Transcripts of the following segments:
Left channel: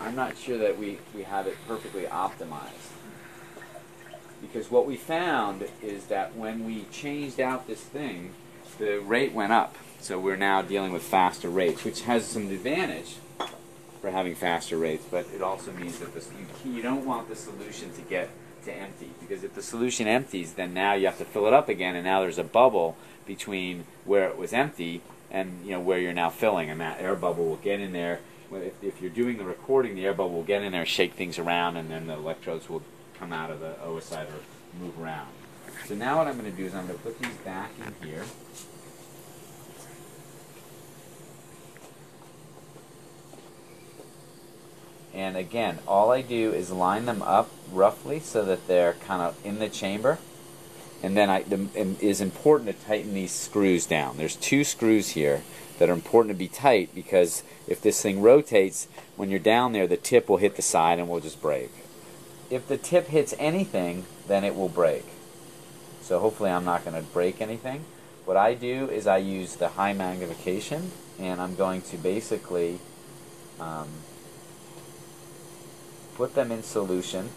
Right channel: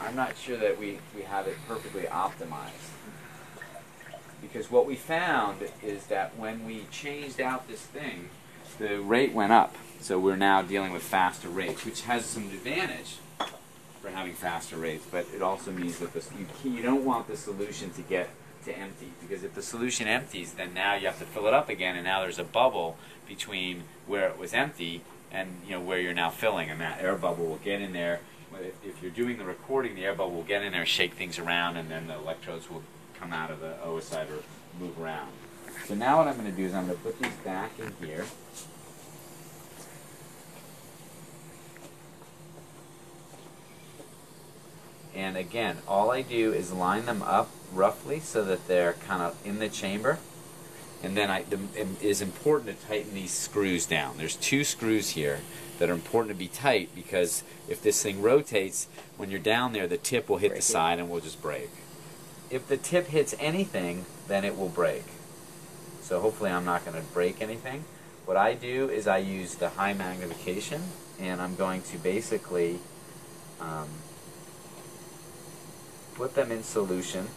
I'm not sure that we have it perfectly optimized. Because what we found is that when we changed out this thing, the rate went up. So we're now dealing with faster rates, which has some advantage for having faster rates, but it also means that you don't want the solution to get to empty. Because if the solution empties, then now you have to fill it up again, and now there's a bubble between where it was empty and where you're now filling, and that air bubble will get in there. If you're doing the recording, the air bubble will get in there, shake things around, and then the electrodes will come out of the oocyte or move around. So now what I'm going to do is I'm going to put these back in here. And again, all I do is line them up roughly so that they're kind of in the chamber. And then it is important to tighten these screws down. There's 2 screws here that are important to be tight because if this thing rotates, when you're down there, the tip will hit the side and will just break. If the tip hits anything, then it will break. So hopefully I'm not going to break anything. What I do is I use the high magnification, and I'm going to basically put them in solution.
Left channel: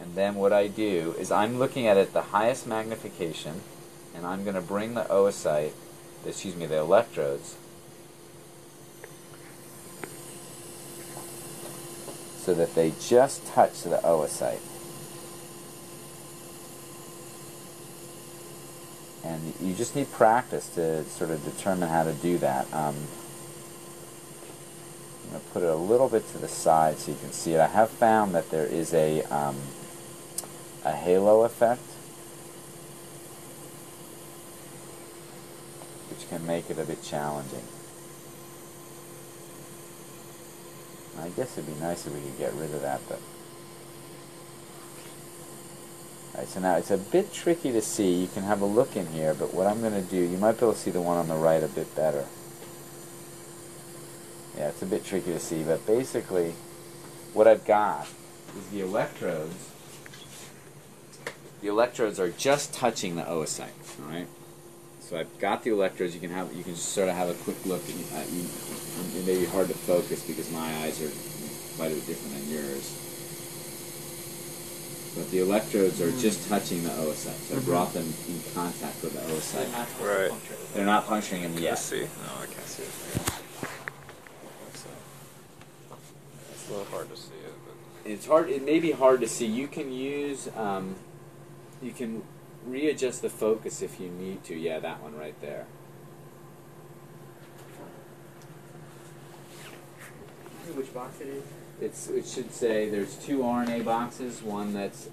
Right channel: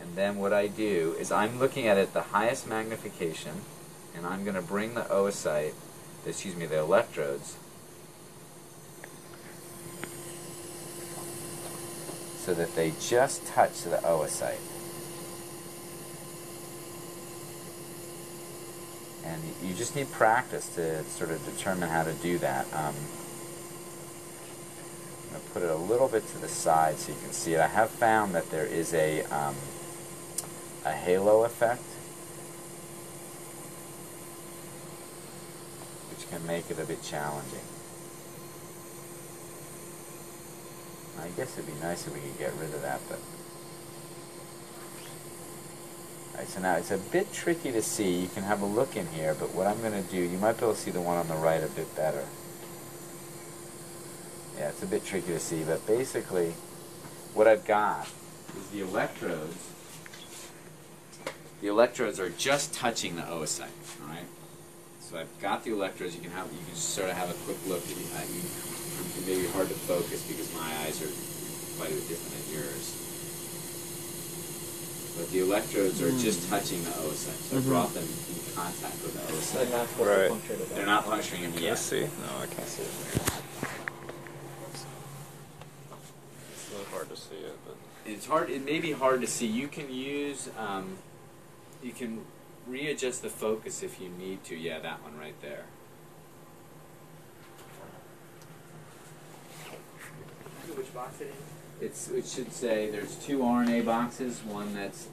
And then what I do is I'm looking at it at the highest magnification, and I'm going to bring the oocyte, the electrodes, so that they just touch the oocyte. And you just need practice to sort of determine how to do that. I'm going to put it a little bit to the side so you can see it. I have found that there is a halo effect, which can make it a bit challenging. I guess it'd be nice if we could get rid of that, but... Alright, so now it's a bit tricky to see. You can have a look in here, but what I'm going to do, you might be able to see the one on the right a bit better. Yeah, it's a bit tricky to see, but basically what I've got is the electrodes. The electrodes are just touching the oocyte, alright? So I've got the electrodes. You can just sort of have a quick look. It may be hard to focus because my eyes are quite a bit different than yours. But the electrodes are just touching the oocyte. So I brought them in contact with the oocyte. Right. They're not puncturing them yet. Can you see? No, I can't see it. It's a little hard to see it, but It's hard. It may be hard to see. You can use. You can readjust the focus if you need to. Yeah, that one right there. Which box it is? It should say there's 2 RNA boxes. One that's.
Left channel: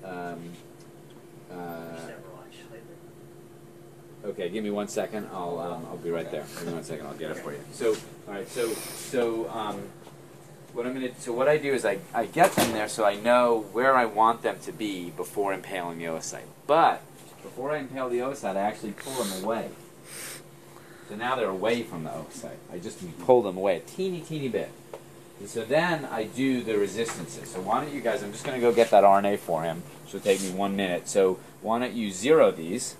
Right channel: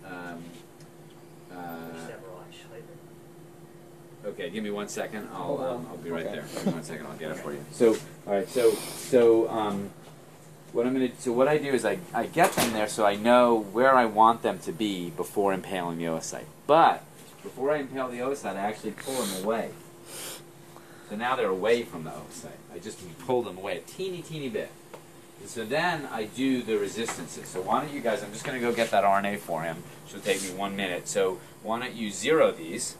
Okay, give me 1 second. I'll be right there. Give me 1 second. I'll get it for you. So, all right. What I do is I get them there so I know where I want them to be before impaling the oocyte. But before I impale the oocyte, I actually pull them away. So now they're away from the oocyte. I just pull them away a teeny bit. And so then I do the resistances. So why don't you guys, I'm just going to go get that RNA for him. So it'll take me 1 minute. So why don't you zero these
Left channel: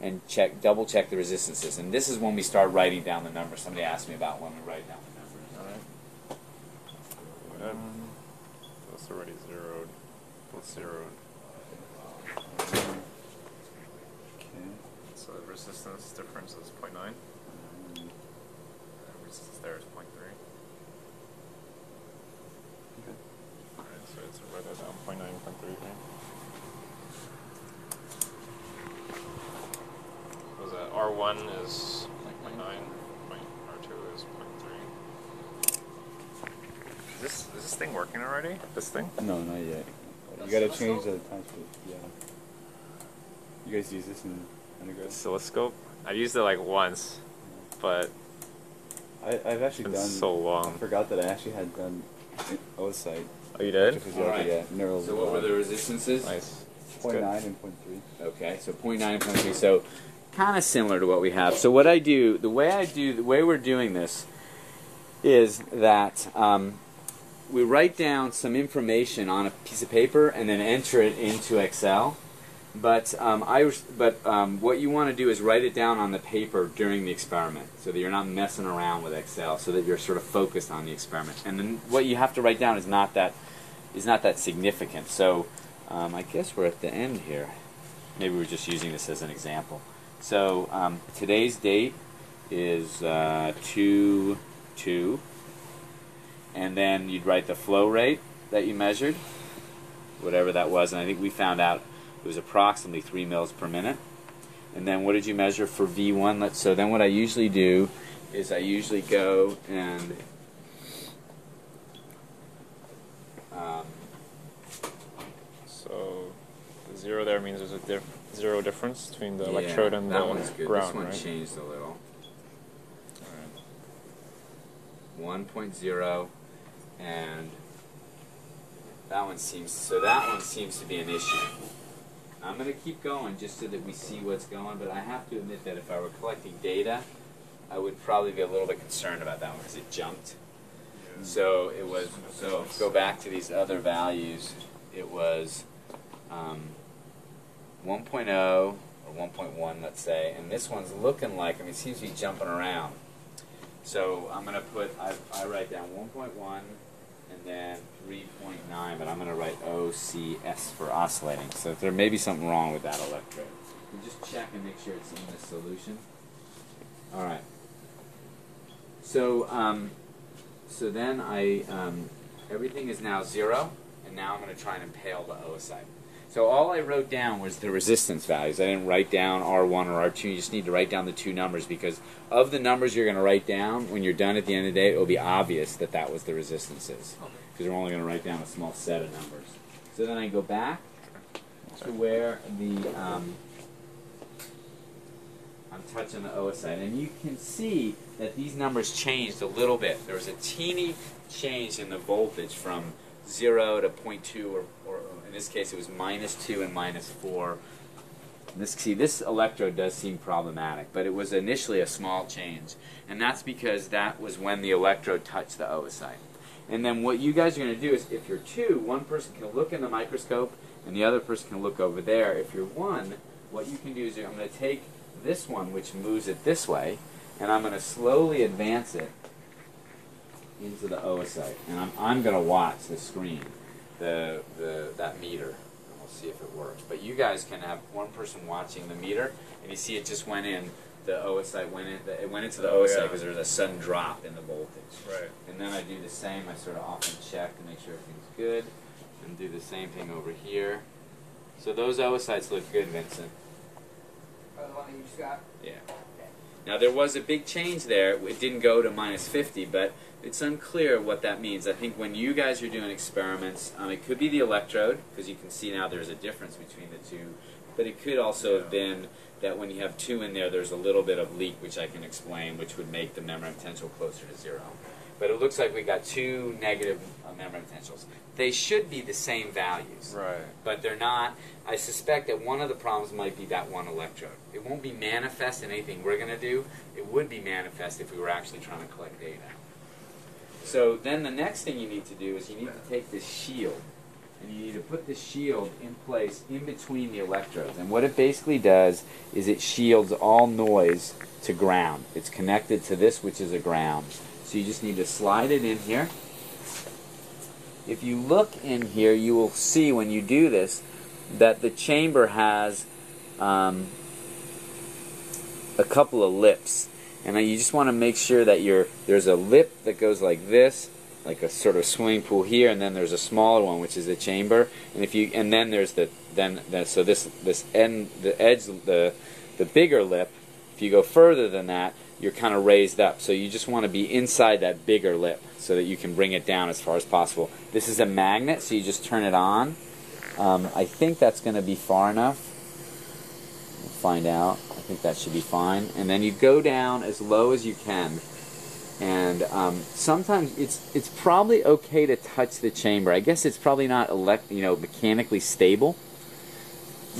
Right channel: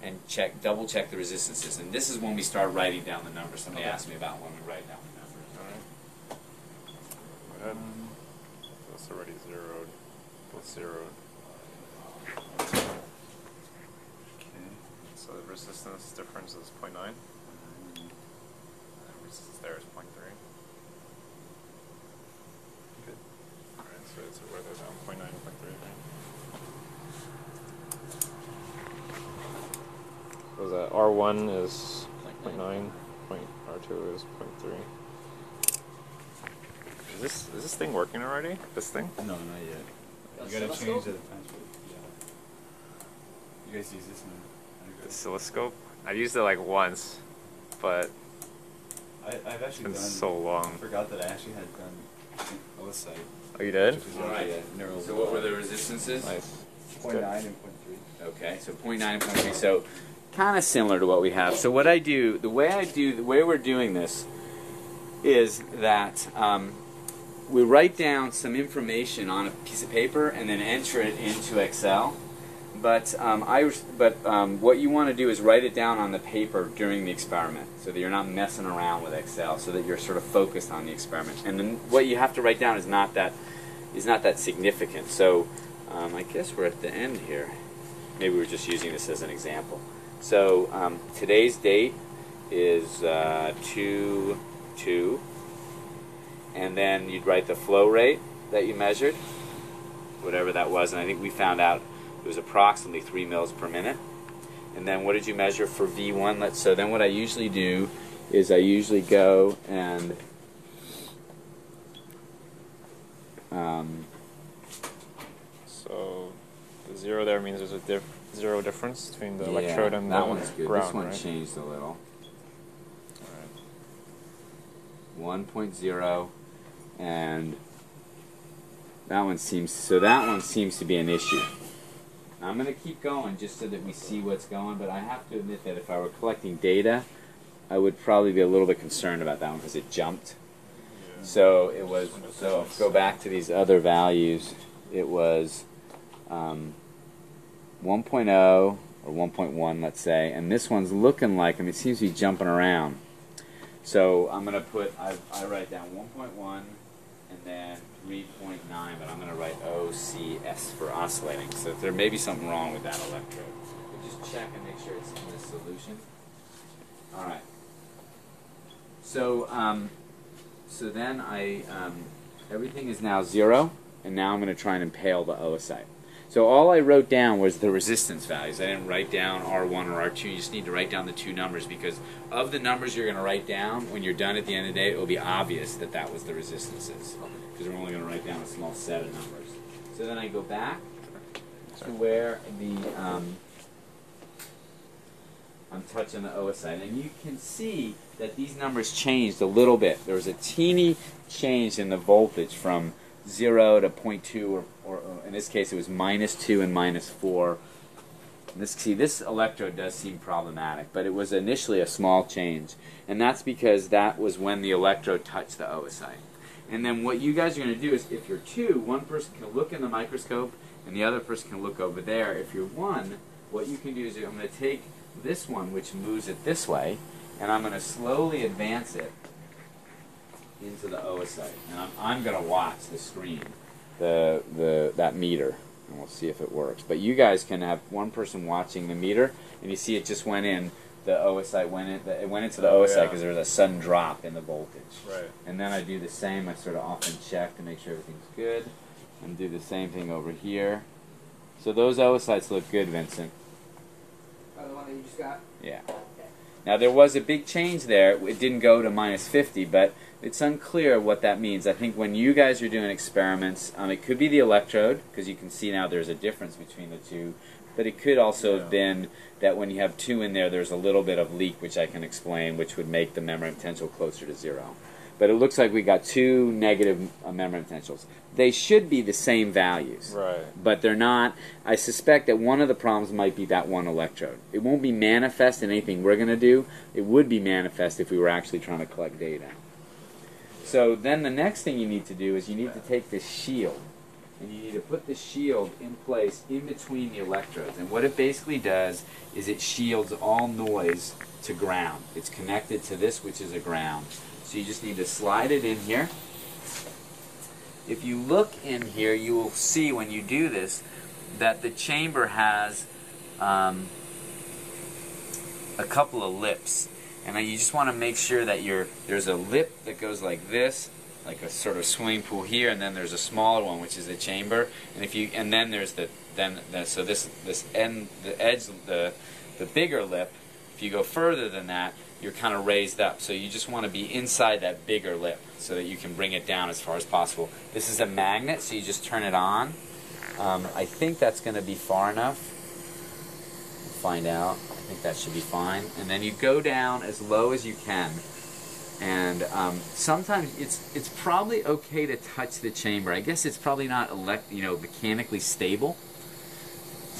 and double check the resistances. And this is when we start writing down the numbers. Somebody asked me about when we write down the numbers. all right. That's already zeroed. What's zeroed? So the resistance difference is 0.9. The resistance there is 0.3. Alright, so it's right there down 0.9 and 0.3 thing. So that R1 is 0.9, R2 is 0.3. Is this thing working already? This thing? No, you're right. You gotta change the time sheet. Yeah. You guys use this in undergrad? Oscilloscope? I've used it like once, but I've actually been done. so long. I forgot that I actually had done oocyte. Oh, you did? Alright. Neural So what were the resistances? Nice. 0.9 and 0.3. Okay, so 0.9 and 0.3. So kind of similar to what we have. So what I do, the way we're doing this is that we write down some information on a piece of paper and then enter it into Excel. But what you want to do is write it down on the paper during the experiment, so that you're not messing around with Excel, so that you're sort of focused on the experiment. And then what you have to write down is not that significant. So I guess we're at the end here. Maybe we're just using this as an example. So today's date is 2/2, and then you'd write the flow rate that you measured, whatever that was, and I think we found out it was approximately 3 mils per minute. And then what did you measure for V1? So then what I usually do is I usually go and so the 0 there means there's a zero difference between the electrode and that the one's good. ground, This one right? changed a little. All right. 1.0, and that one seems to be an issue. I'm going to keep going just so that we see what's going, but I have to admit that if I were collecting data, I would probably be a little bit concerned about that one because it jumped. Yeah. So it was. So go back to these other values. It was 1.0 or 1.1, let's say, and this one's looking like, it seems to be jumping around. So I'm going to put, I write down 1.1 and then 3.9, but I'm going to write OCS for oscillating. So there may be something wrong with that electrode. So just check and make sure it's in the solution. All right. So so then everything is now 0, and now I'm going to try and impale the oocyte. So all I wrote down was the resistance values. I didn't write down R1 or R2. You just need to write down the two numbers, because of the numbers you're going to write down, when you're done at the end of the day, it will be obvious that that was the resistances, because you're only going to write down a small set of numbers. So then I go back to where I'm touching the oocyte, and you can see that these numbers changed a little bit. There was a teeny change in the voltage from 0 to 0.2, or in this case it was -2 and -4. And this electrode does seem problematic, but it was initially a small change, and that's because that was when the electrode touched the oocyte. And then what you guys are going to do is, if you're 2, one person can look in the microscope and the other person can look over there. If you're 1, what you can do is I'm going to take this one, which moves it this way, and I'm going to slowly advance it into the oocyte, and I'm going to watch the screen, that meter, and we'll see if it works. But you guys can have one person watching the meter, and you see it just went in. The oocyte went in. It went into the oocyte because there was a sudden drop in the voltage. Right. And then I do the same. I sort of often check to make sure everything's good, and do the same thing over here. So those oocytes look good, Vincent. Oh, the one you just got? Yeah. Now there was a big change there. It didn't go to -50, but it's unclear what that means. I think when you guys are doing experiments, it could be the electrode, because you can see now there's a difference between the two, but it could also have been that when you have 2 in there, there's a little bit of leak, which I can explain, which would make the membrane potential closer to 0. But it looks like we got 2 negative membrane potentials. They should be the same values, Right. but they're not. I suspect that one of the problems might be that one electrode. It won't be manifest in anything we're going to do. It would be manifest if we were actually trying to collect data. So then the next thing you need to do is you need to take this shield, and you need to put the shield in place in between the electrodes. And what it basically does is it shields all noise to ground. It's connected to this, which is a ground. So you just need to slide it in here. If you look in here, you will see when you do this that the chamber has a couple of lips. And then you just want to make sure that there's a lip that goes like this, like a sort of swimming pool here, and then there's a smaller one, which is the chamber. And then there's the bigger lip. If you go further than that, you're kind of raised up. So you just want to be inside that bigger lip so that you can bring it down as far as possible. This is a magnet, so you just turn it on. I think that's going to be far enough. We'll find out. I think that should be fine. And then you go down as low as you can. And sometimes it's probably okay to touch the chamber. I guess it's probably not mechanically stable.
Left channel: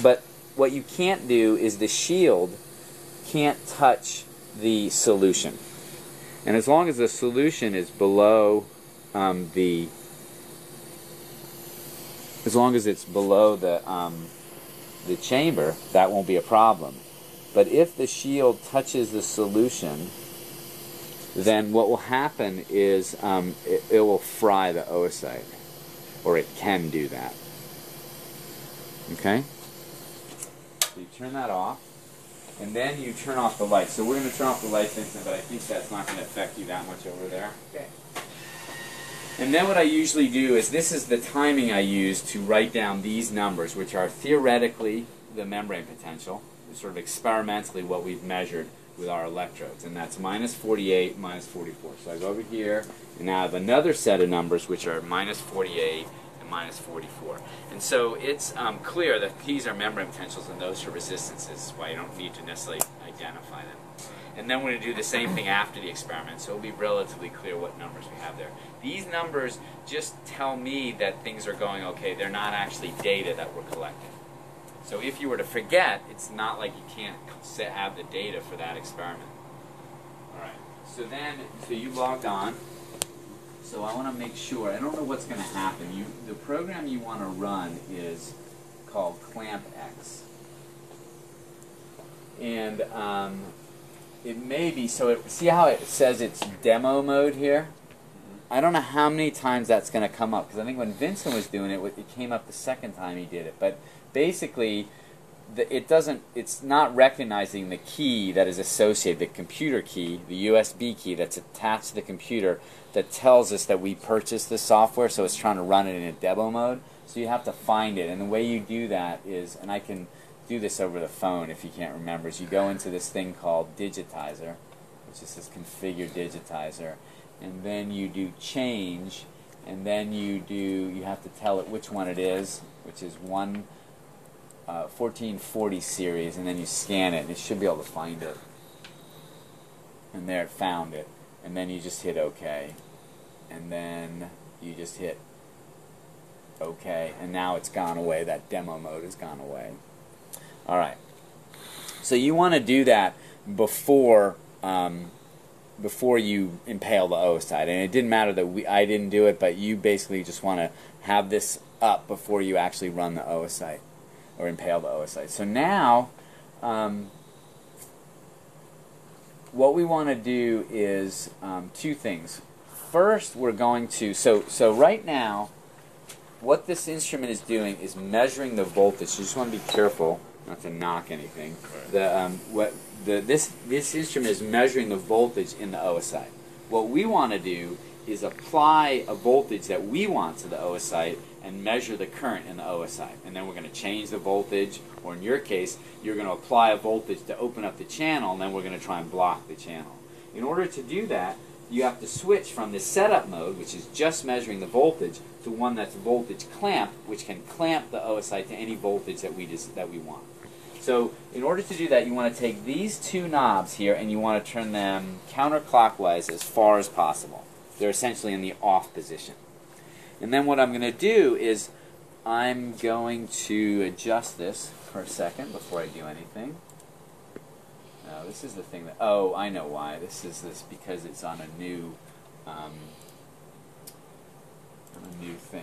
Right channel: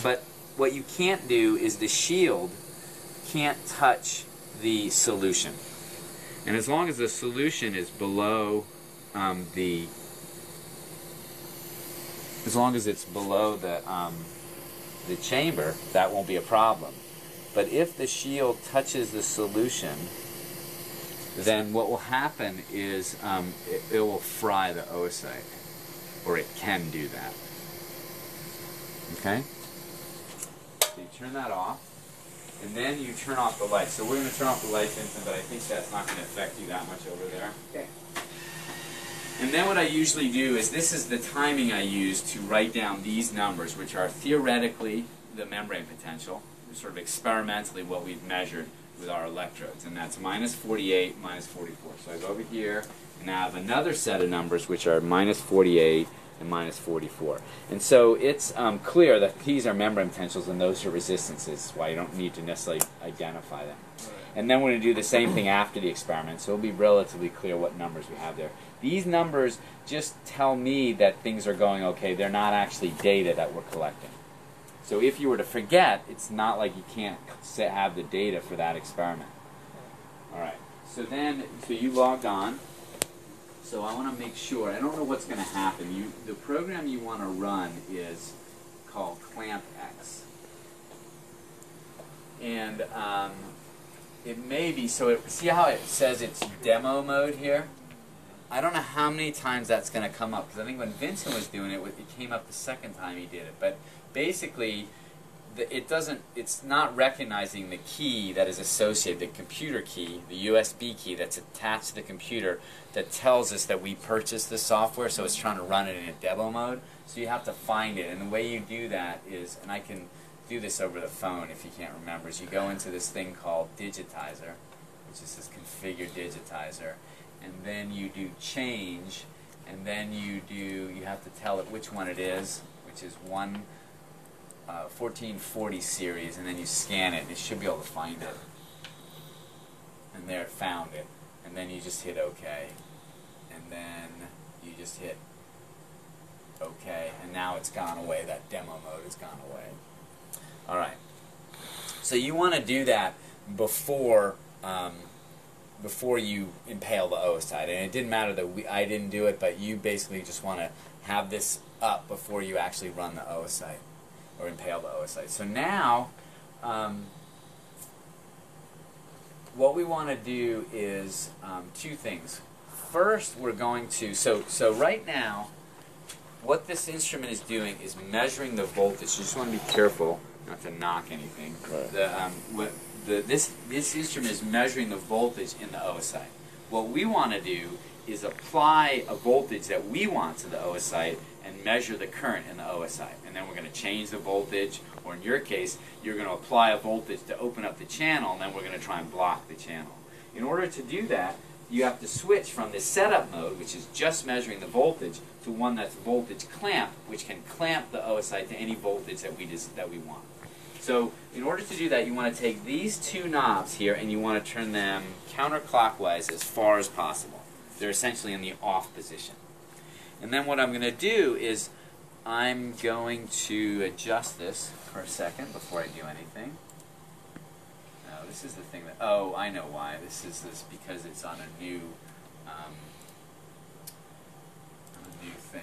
But what you can't do is the shield can't touch the solution. And as long as the solution is below as long as it's below the the chamber, that won't be a problem. But if the shield touches the solution, then what will happen is it will fry the oocyte, or it can do that. Okay? So you turn that off, and then you turn off the lights. So we're going to turn off the lights, Vincent, but I think that's not going to affect you that much over there. Okay. And then what I usually do is, this is the timing I use to write down these numbers, which are theoretically the membrane potential, sort of experimentally what we've measured with our electrodes, and that's minus 48, minus 44. So I go over here, and now I have another set of numbers which are minus 48 and minus 44. And so it's clear that these are membrane potentials and those are resistances, why you don't need to necessarily identify them. And then we're going to do the same thing after the experiment, so it'll be relatively clear what numbers we have there. These numbers just tell me that things are going okay. They're not actually data that we're collecting. So if you were to forget, it's not like you can't have the data for that experiment. All right. So you logged on. So I want to make sure. I don't know what's going to happen. The program you want to run is called ClampX. And it may be, see how it says it's demo mode here? I don't know how many times that's going to come up, because I think when Vincent was doing it, it came up the second time he did it. But basically, it's not recognizing the key that is associated, the computer key, the USB key that's attached to the computer that tells us that we purchased the software, so it's trying to run it in a demo mode. So you have to find it, and the way you do that is, and I can do this over the phone if you can't remember, is you go into this thing called Digitizer, which is this configure Digitizer, and then you do change, and then you have to tell it which one it is, which is 1440 series, and then you scan it, and it should be able to find it. And there, it found it. And then you just hit OK. And then you just hit OK, and now it's gone away. That demo mode has gone away. All right. So you want to do that before you impale the oocyte. And it didn't matter that I didn't do it, but you basically just want to have this up before you actually run the oocyte or impale the oocyte. So now, what we want to do is two things. First, we're going to, so right now, what this instrument is doing is measuring the voltage. You just want to be careful not to knock anything. Right. This instrument is measuring the voltage in the oocyte. What we want to do is apply a voltage that we want to the oocyte and measure the current in the oocyte. And then we're going to change the voltage, or in your case, you're going to apply a voltage to open up the channel, and then we're going to try and block the channel. In order to do that, you have to switch from the setup mode, which is just measuring the voltage, to one that's voltage clamp, which can clamp the oocyte to any voltage that we want. So in order to do that, you want to take these two knobs here and you want to turn them counterclockwise as far as possible. They're essentially in the off position. And then what I'm going to do is I'm going to adjust this for a second before I do anything. Now this is the thing that, oh, I know why. This is because it's on a new thing.